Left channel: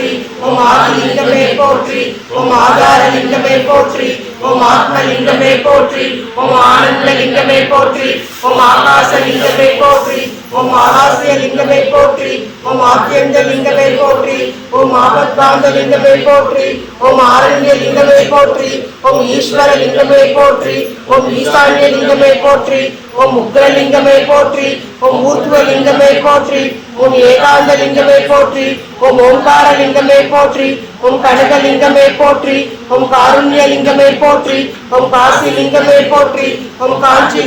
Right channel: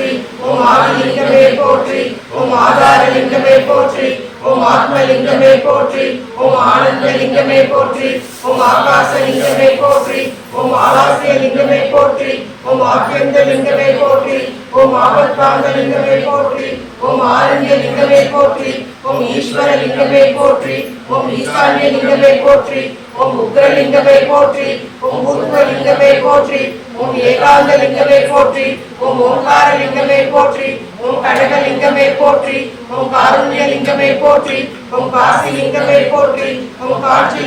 போற்றி ஓம் ஆதிலிங்கமே போற்றி ஓம் ஆதாரலிங்கமே போற்றி ஓம் ஆத்மலிங்கமே போற்றி ஓம் ஆனந்தலிங்கமே போற்றி ஓம் ஆகாசலிங்கமே போற்றி ஓம் ஆகாசியலிங்கமே போற்றி ஓம் ஆத்யந்தலிங்கமே போற்றி ஓம் ஆபத்காந்தலிங்கமே போற்றி ஓம் ஆரண்யலிங்கமே போற்றி ஓம் ஈஸ்வரலிங்கமே போற்றி ஓம் ஈசான்யலிங்கமே போற்றி ஓம் உக்ரலிங்கமே போற்றி ஓம் ஊர்த்வலிங்கமே போற்றி ஓம் ஏகாந்தலிங்கமே போற்றி ஓம் ஓங்காரலிங்கமே போற்றி ஓம் கடகலிங்கமே போற்றி ஓம் காருண்யலிங்கமே போற்றி ஓம் காசிலிங்கமே போற்றி ஓம் காஞ்சி